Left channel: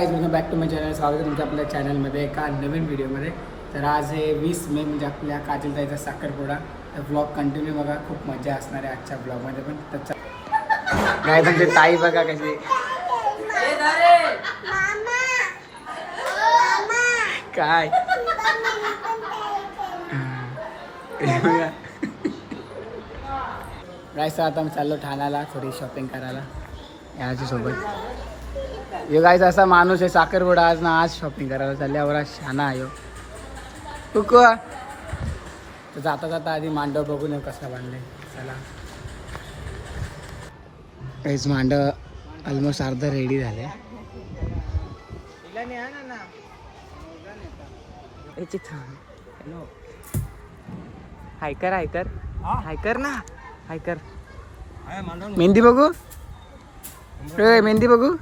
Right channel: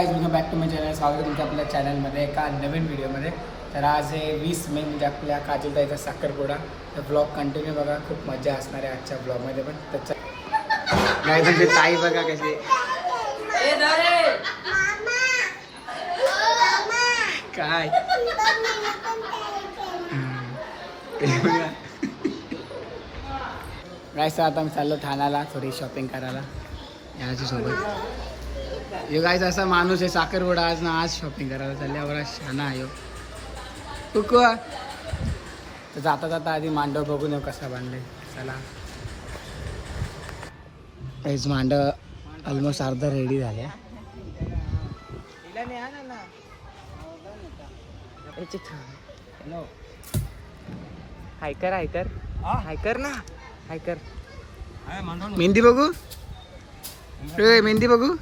Guys, welcome back to my channel. स्वागत आहे तुमच्या आपल्या चॅनलमध्ये एका नवीन व्हिडिओमध्ये. तर आज हे 20 मे म्हणजे आपल्या काजलताईचा साखरपुडा. तर ब्लॉग कंटिन्यू बघा, खूप मजा असणार आहे आजच्या ब्लॉगमध्ये पण. त्याचा काय तुमची ताई बघा कशी काय गाईस. आता मी चाललो ठाण्याला थोडी शॉपिंग करायला याची सोबत. यो गाईस असा माणूस आहे, साखरपुडा आज ना आज शॉपिंग करायला चालल्यावर शाना आहे कुकू. तर जाता जाता आधी मांडव बघून येऊ कसा बांधलाय. चला काहीच मांडव ऑलमोस्ट अर्धा रेडी झाले. हायकर हायकर हायकर ना हायकर. मेहंदी बघू, मेहंदी बघू.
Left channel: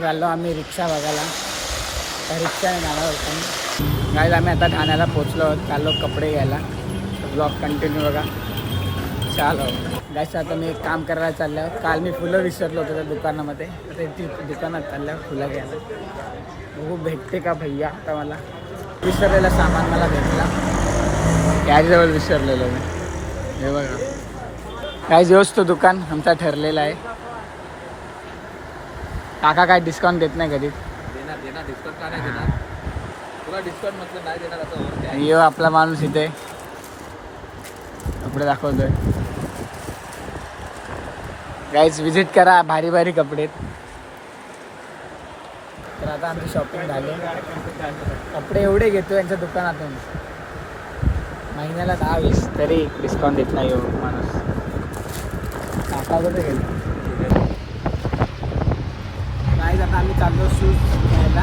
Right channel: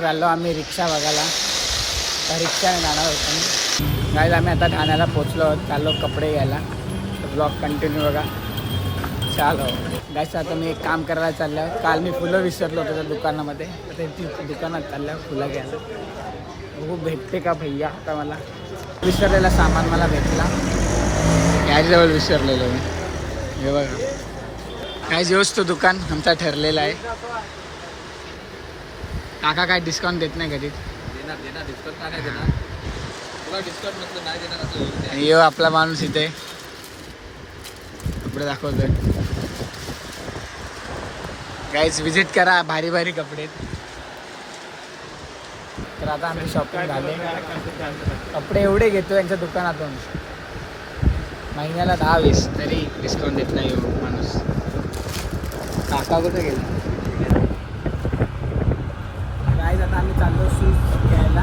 चाललो आम्ही रिक्षा बघायला. तर रिक्षाने जाणार होतो गाईज. आम्ही आता ठाण्याला पोचलो आहोत, चाललो कपडे घ्यायला. ब्लॉग कंटिन्यू बघा. चालो गाईज. आता मी एक काम करायला चालल्यावर, काल मी फुलं विसरलो होतो त्या दुकानामध्ये. तर ती दुकानात चालल्यावर फुलं घ्यायला बघू भेटते का भैया. आता मला विसरलेला सामान मला भेटला, याच्याजवळ विसरलेलो मी. हे बघा गाईज, योच तो दुकान आमचा ठरलेला आहे. काका काय डिस्काउंट देत नाही कधी. यो आपला माणूस इथे कपडे दाखवतोय. गाईज विजिट करा, भारी भारी कपडे. तर आता आमची शॉपिंग झाली. कपडे एवढे घेतो यांच्या दुकानातून, महिन्याला 10-20 तरी डिस्काउंट देत नाही हो माणूस. काका कुठे गेले गाईज. आता आम्ही चाललो शूज घ्यायला.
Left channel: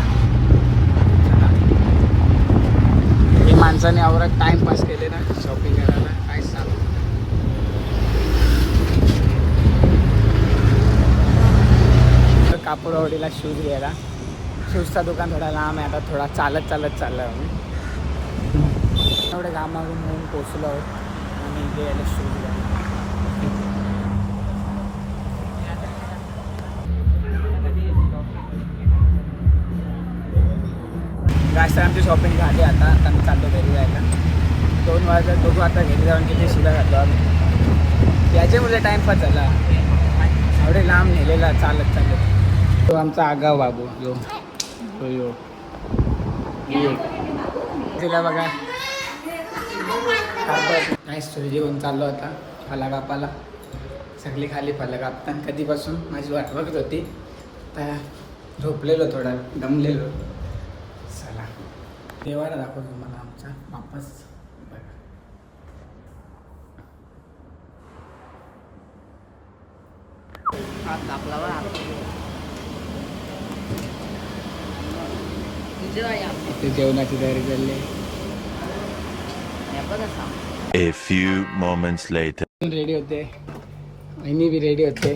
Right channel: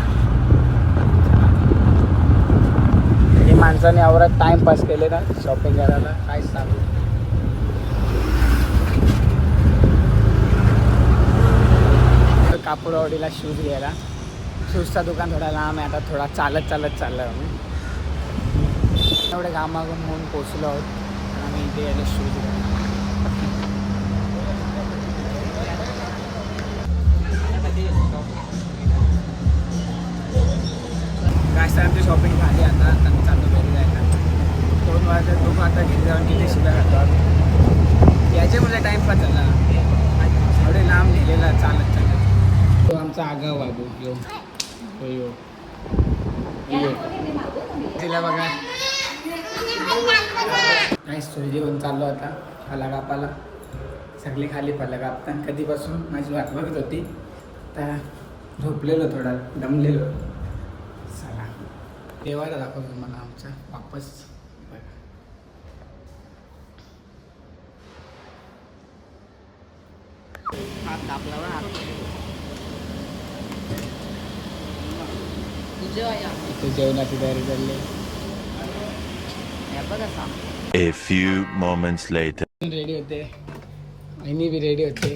हे माणसाने आवरात टाइमपास केले ना शॉपिंग करायला, काय सांगू. कापडवाडीला शूज घ्यायला. शूजचा दुकान थोडा लांब आहे. आता थोडा चालत चाललो आम्ही. एवढे घामाघूम होऊन पोचलो आहोत. तर आम्ही इथे यायला शूज घ्यायला. गाईस, आमची शॉपिंग झाली. आता मी चाललो घरी जायला. 2 वाजता बघू आता घरी जाऊन किती शिला खातो आम्ही. याच्यामुळे टाईमपास झाला, एवढे लांब नेलेला चालत. तो आमचा आगाव बाबू यो यो यो तिला बघा. गाईस, थोडी जेवण चाललो आता फला कापाला. सगळी खाली फलं कापता. कधीपासून माझी वाट बघत होती. तर झोपलेलो, थोडा दमलेलो. चला देवाला दाखवतो तुम्हाला आमचा वापस बघा. हात कापला बा. इथे जेवणाची तयारी चालली. A few moments later. Ready होते, वहिनी बी रेडी होते,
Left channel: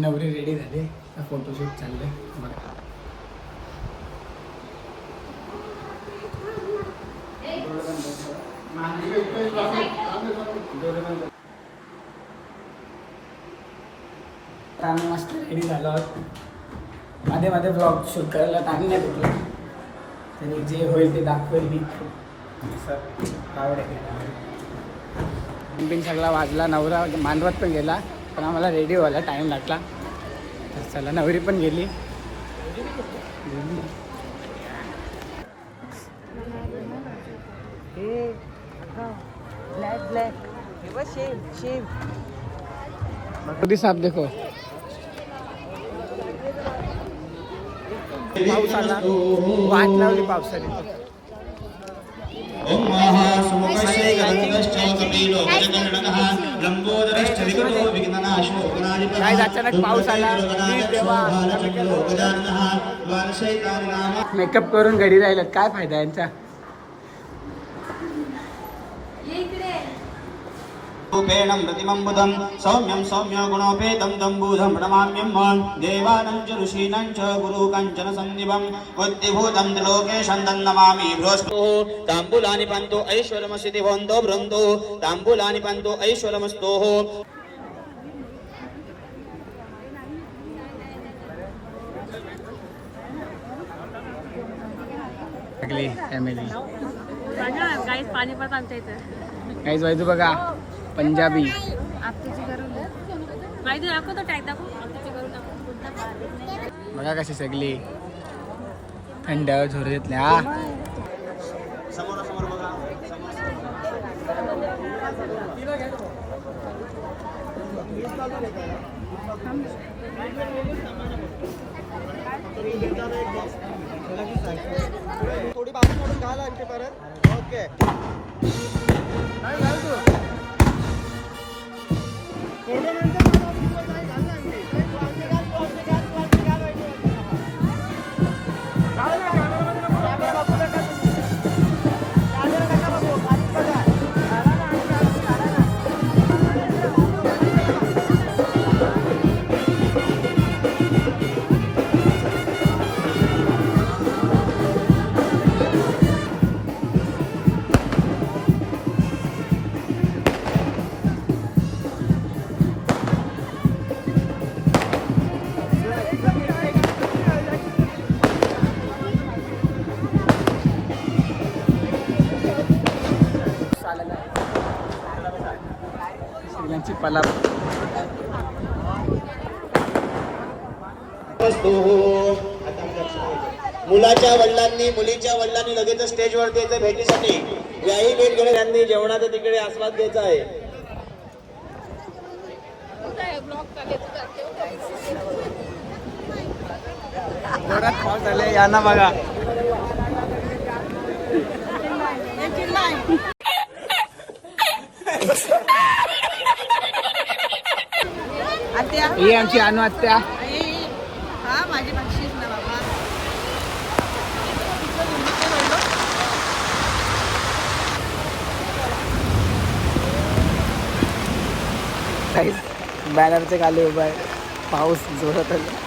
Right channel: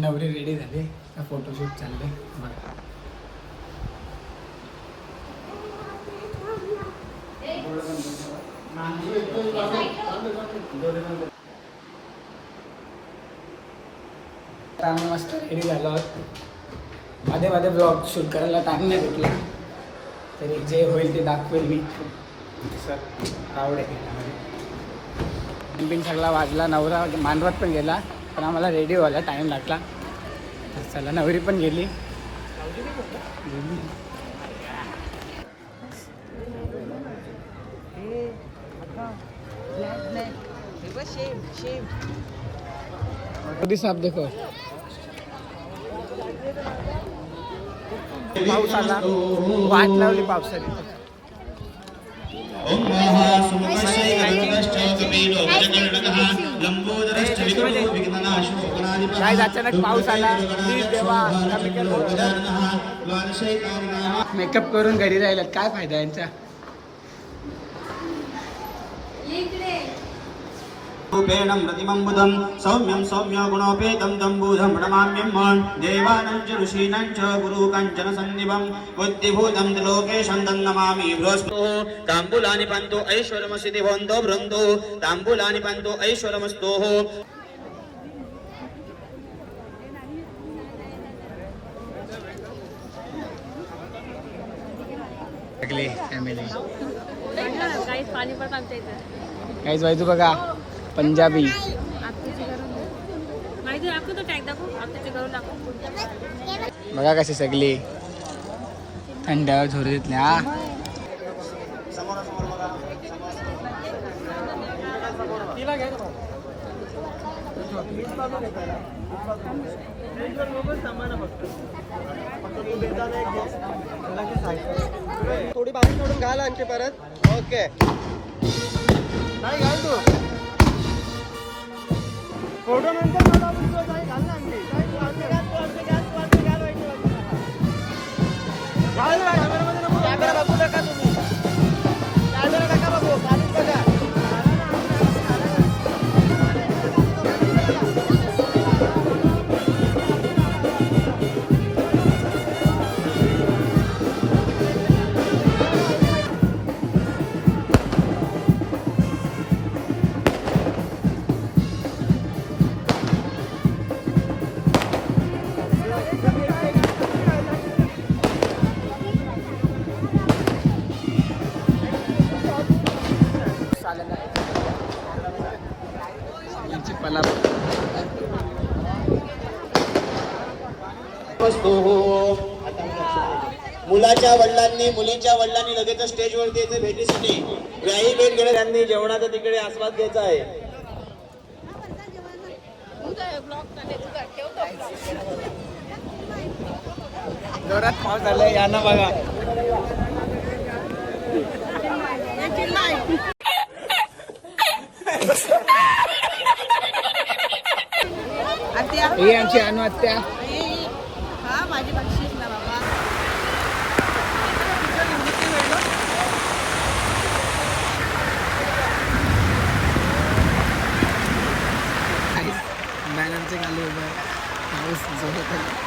नवरी रेडी झाली. फोटोशूट चालले. आम्ही मस्त रेडी झालो आहोत. मध्ये मध्ये ब्लॉग शूट करायला टाइम नाही भेटला, तरी जे होईल ते दाखवेल मी. आवड आहे. सगळा वाजला. नवरा मांडवात पण गेला, पण आम्हाला रेडी व्हायला टाईम लागला. तर चला, नवरी पण गेली. कधी साप देखो. पाऊस आला, वाट लावली पावसाने. काय अचानक पाऊस आला. मेकअप करून घरी राहिलात, काय फायदा यांचा. रूपेण प्रतिमं बुधं सौम्यं सौम्य गुणोपेतं दम्बूधं प्रणमाम्यं देवानं च ऋषीणां च गुरु काञ्चन सन्निभं बुद्धिभूतं त्रिलोकेशं नमामि बृहस्पतिः ताम्बूलानि पन्तु ऐश्वरमसिति भवन्तो बृन्दो ताम्बूलानि पन्तु ऐश्वरमस्तोः सगळी फॅमिली पाणी पण आमच्या इथे काहीच वाईटू बघा पंजाबी माहिती दाखव तो टॅग दाखव आमच्या करून दाखव बघा कशी सगळी थंडावर झोर देतले हा थोडी बाहेर काढून घाल आणखी परत ओके फोटो नंतर मला video नाही घाल ना आणखी. घाल ना, कॅमेरा बघू नका तुम्ही. कॅमेरा नका बघू. बघा. घाला ना, घाला ना. सगळ्यांची पलाप मुलाच्या वडिलांनी मुलीच्या वडिलांनी लगेच स्टेजवरती यायचं भेटीसाठी याही भेट घेणे त्यांनी जेवणाचा तिकडे आस्वाद घ्यायचा आहे जोरात पाऊस झाले या ना बघा ही आमची अनु आत्या हा माझी बक्षीस ना बाबा बॅनरचे खाली उभा आहे पाऊस जोरात आहे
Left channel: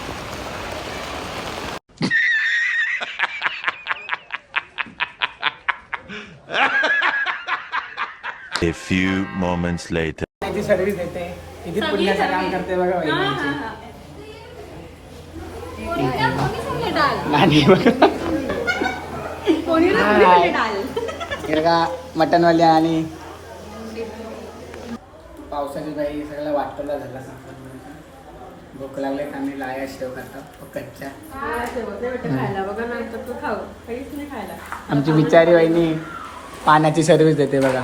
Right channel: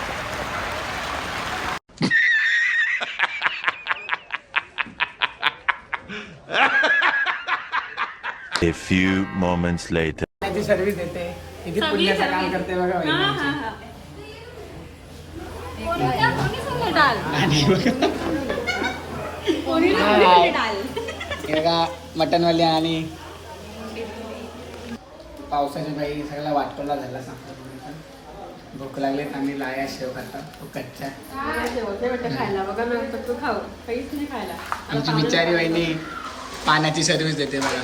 A few moments later. ती सर्व्हिस देते किती पुण्याचं काम करते बघा वहिनी आमची. नाही बघा हे बघा मटनवाली आणि पावसाची बाई सगळा वाटोला झाला सांगतो भूक लागले तर आम्ही लाया शेव खातो कच्च्या खायला बघा नंतर तू खाऊ काहीच नाही खायला आमची बिचारी वहिनी पाण्याची सर्व्हिस देते बघा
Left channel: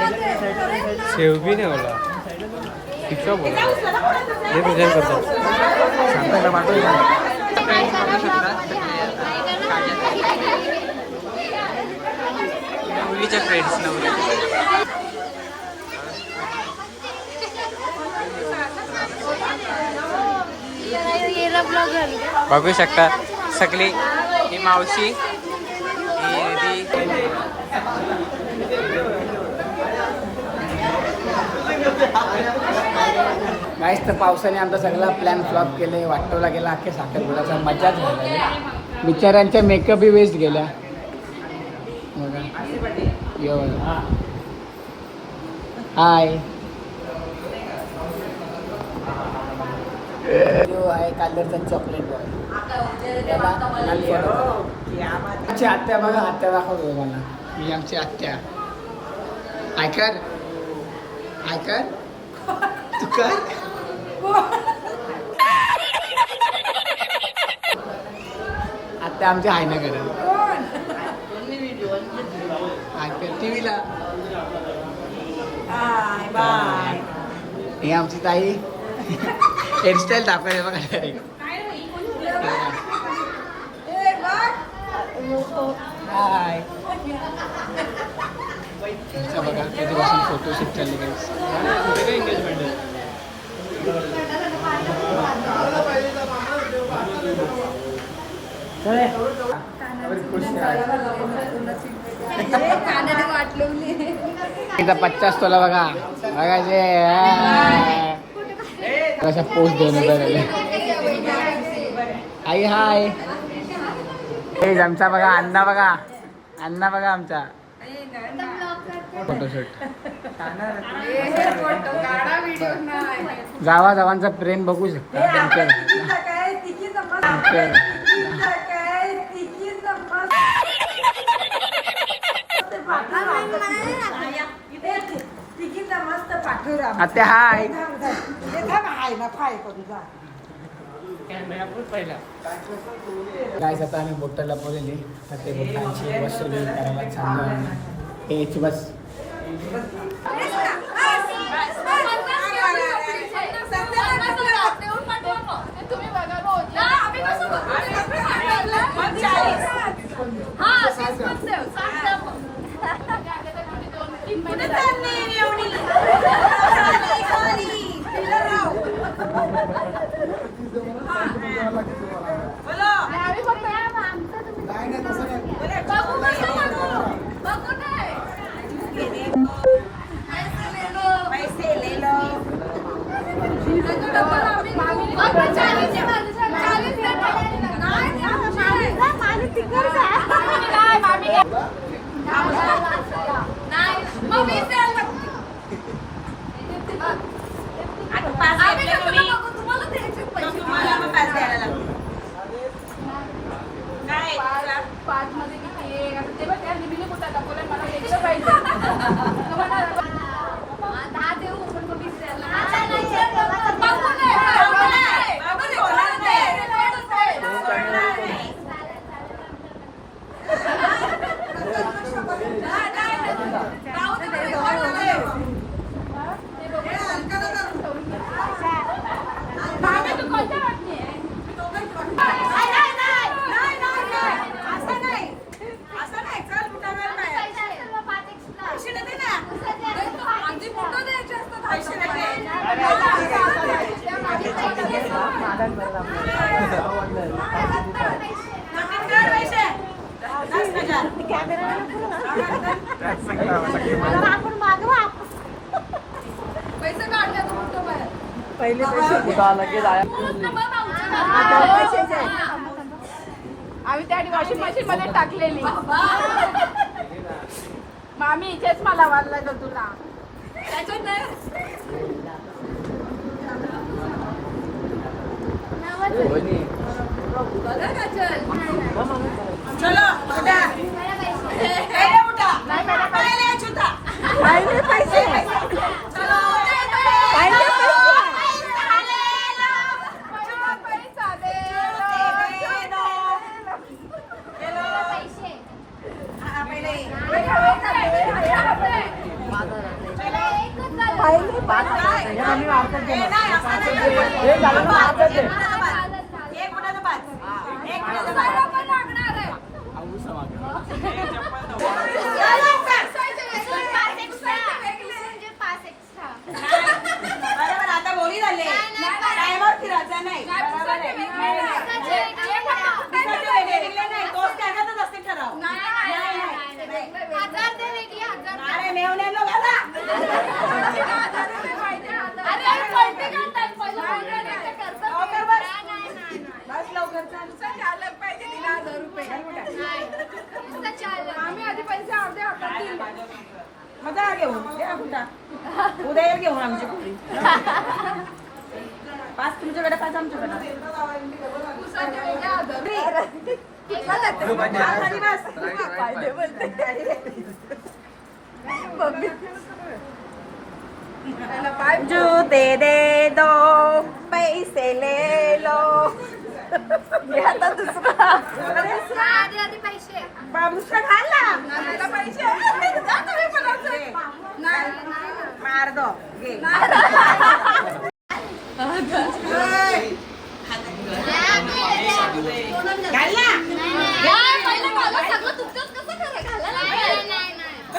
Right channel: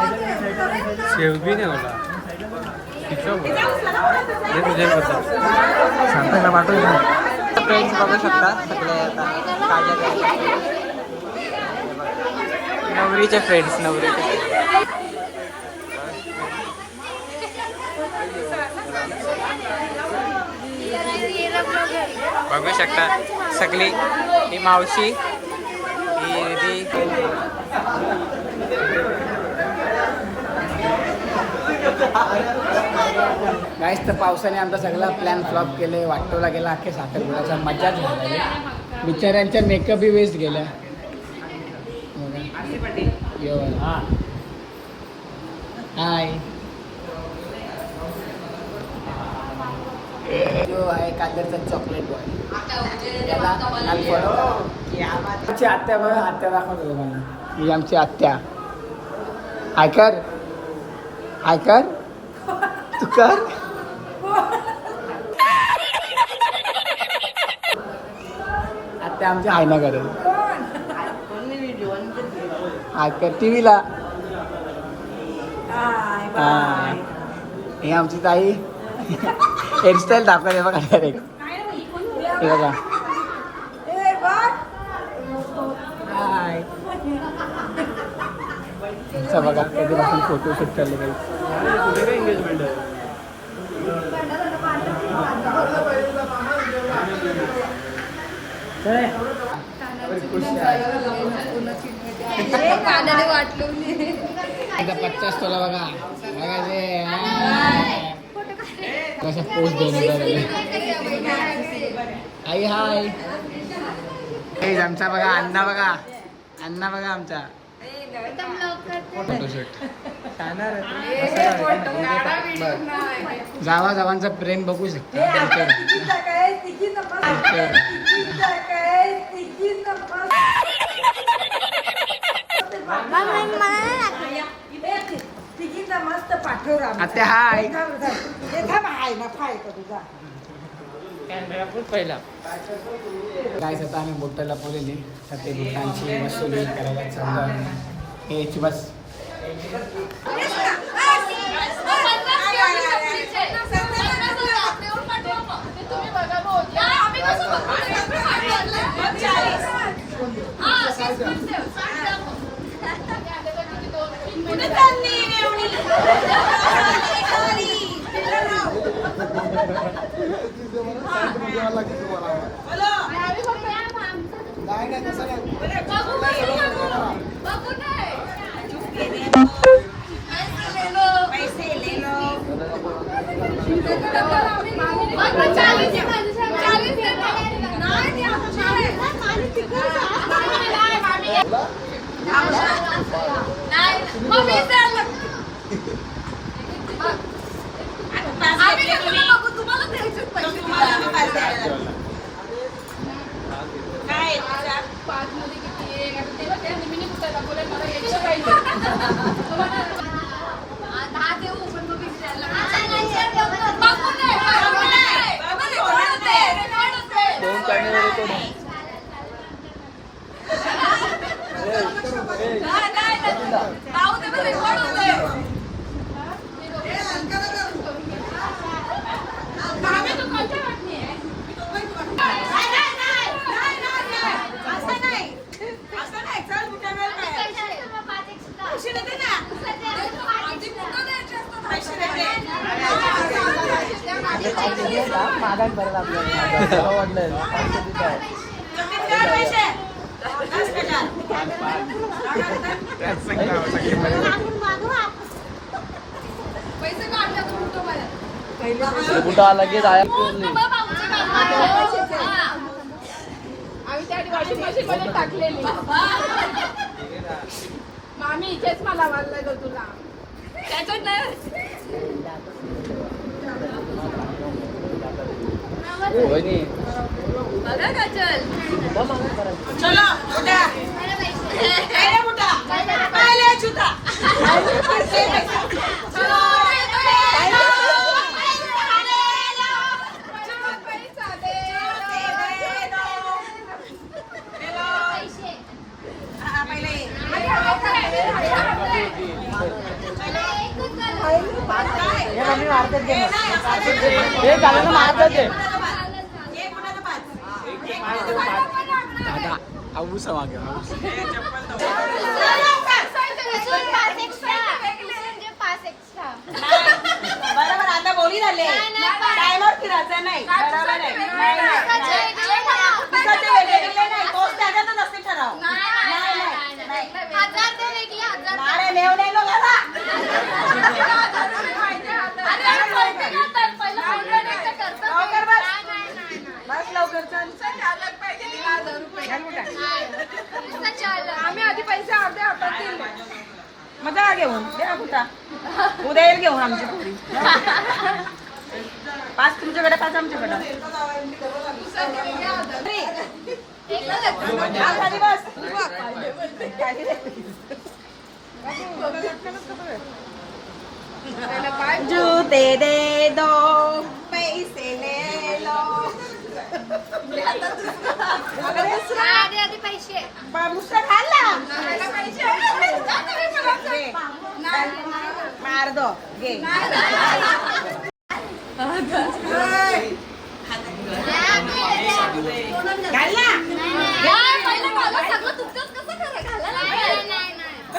शेव भी नाही होला हे तुझ्या फ्रेंड्स बघू शकता सगळे आता नवरीचे फ्रेंड्स नवरीचे बघू शकता सगळी ही मावशी गाईस तर पावसाने आमचा सगळा प्लॅन फ्लॉप केले वाटोला गेला अख्खे साखरपुड्याचा मजाच झाला बिचाऱ्यांच्या मेकअप बी वेस्ट गेल्या हाय जो आहे कादरचा चॉकलेट बॉय त्याला अनफॉलो करा आमची आत्या बघा आत्या दाखवतो मला ही आमची आत्या आयकर आयकर तू कर ते आमची हाय ना करत टीव्हीला. ही आमची ताई हेअरस्टाईल दाखवते बघा डायरेक्ट. हे बघा हाय. बघा कधीपासून फोटोशूट चालले काही. एकदा 50 तोला बघा बघायचे कशा पोस्ट देणे बरं. आई हाय. आमचा बघा अण्णा बघा आमचा फोटोशूट. जावांचा प्रेम बघू शकता. आता हाय काय आता आम्ही बोटाला बोलले तर ते बोटांची वसुली करायला चाललो. हे बस टाकलेली मामी इथेच मला वाढलाय ग तुला बघा काजल. चलो उठा पहिले उठा पहिले जुता चलो आता बोली झाले टायमर फिरायचा नाही तोच त्याच्यातच असते ठराव. अरे मेवणे नो घाला आम्ही आधी पैसे मजा घेऊन उद्या येईल घेऊन आमची पुरी 5 तुमच्याकडे 5 आमच्याकडे. जूते दे दो पैसे ले लो दुसरा घाल ना मार दो घे घाल ना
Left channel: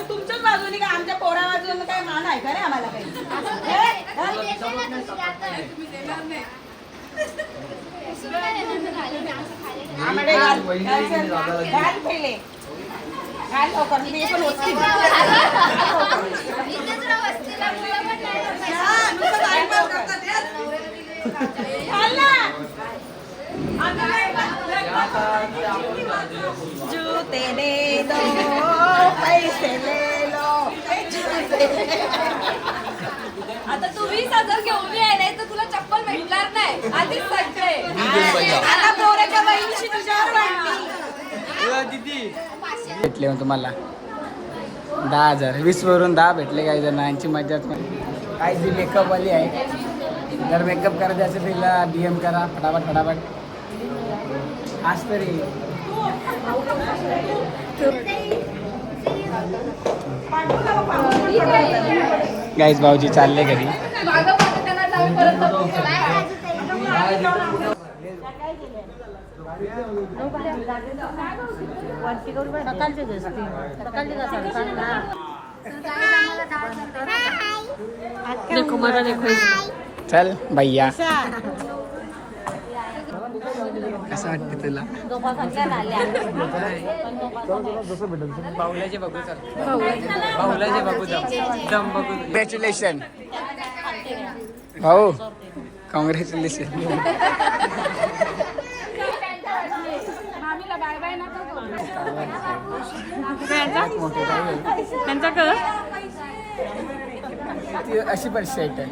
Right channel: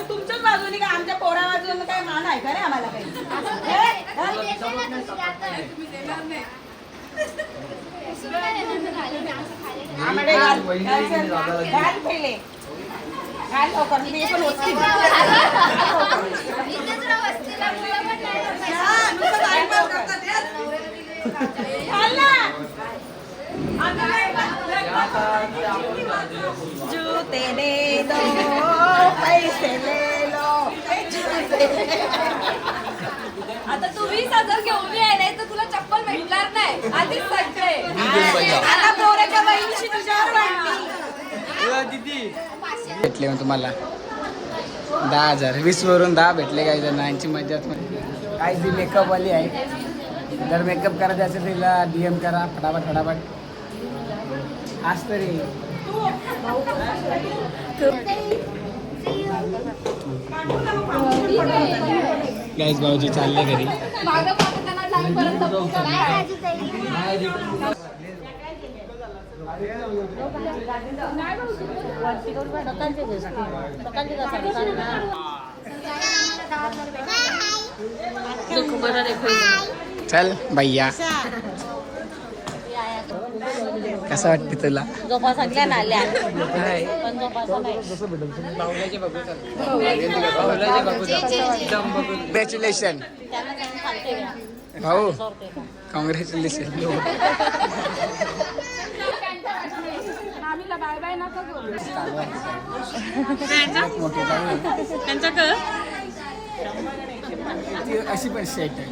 तुमच्याच बाजूने का आमच्या पोरा बाजूने काय मान आहे का रे आम्हाला काही आम्हाला घाल पहिले घाल लवकर मी पण वस्ती घाल ना जूते दे दो पैसे ले लो आता तू 20,000 घेऊन ये नाही तर तुला चप्पल भेटणार नाही आधीच सांगते. आता पोराच्या बहिणीशी तुझ्यावर वाटली भेटले मग तुम्हाला 10,000 20 वरून 10 भेटले काही जण यांची मजाच काय जी मेकअपवाली आहे जर मेकअप करायचं असेल तिला DM करा फटाफट आज तरी गाईज भाऊजी चालले घरी चल भैया कसं वाटते तुला कॉंग्रॅच्युलेशन भाऊ कॉंग्रॅच्युलेशन मोठी ती अशी पण शेट आहे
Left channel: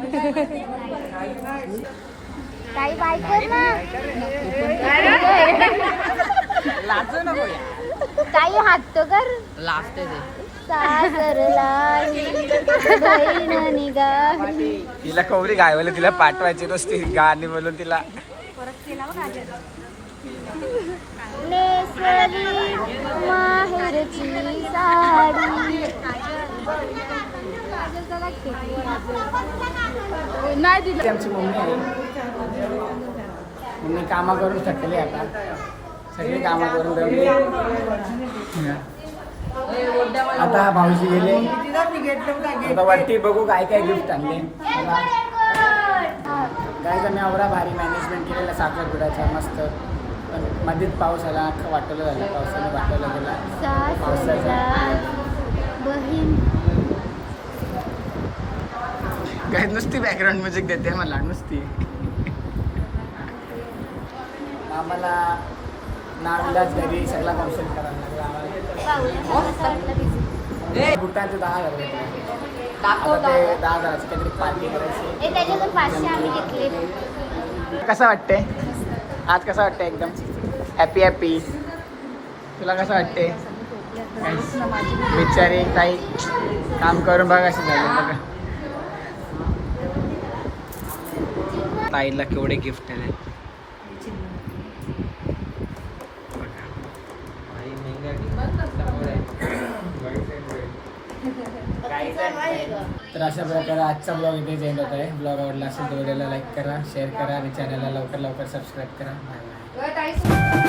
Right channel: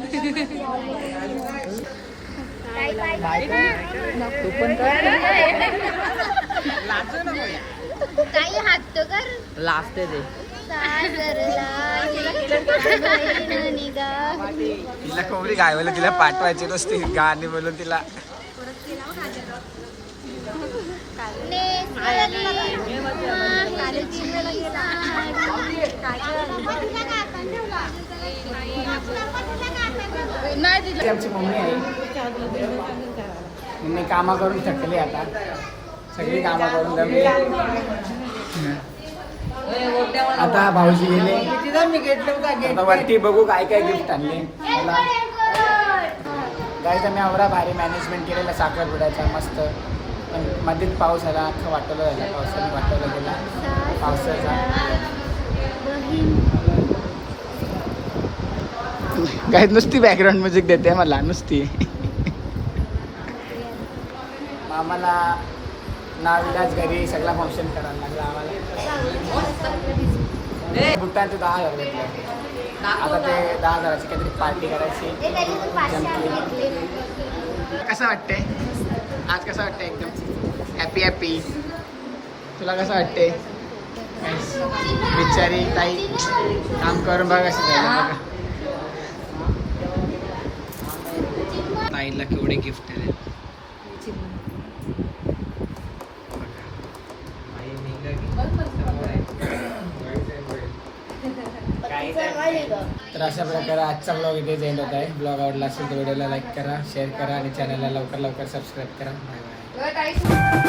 काही हात तो कर लागते ते तिला कोबरी गायवलं तिला पाठवायची नसती गाणी बोलून तिला आमची मम्मी आहे मम्मी कामा करून थकली आता सगळी कामा करून जमली आता भाऊजी गेले आता वरती बघू काय काय गिफ्ट आणले मला गायचा मी एवढा भारी मॅनेजमेंट केलेला साखरपुड्याचा मस्त पण मध्येच पाऊस आला अख्खं वाटवलं झाला पावसाने वाटवला गेला पावसाचा काय नुसती बॅकग्राऊंड म्युझिक देते मला नुसती आम्हाला नाविलाज घरी सगळा फंक्शन करायला लागला आम्हाला बुटांचे 10,000 भेटले आता ते 10,000ची काहीतरी पार्टी करायची कसं वाटते आज कसं वाटतं एकदम हॅपी तुला कसं वाटते बिचारी ताई काम करून बघा कसं झालं बघा ताईला केवढे गिफ्ट आहे तर अशा प्रकारे आजचा ब्लॉग इथे एंड होत आहे ब्लॉग आवडला असेल तर व्हिडिओला लाईक करा शेअर करा आणि चॅनलला लवकर सबस्क्राईब करा बाय बाय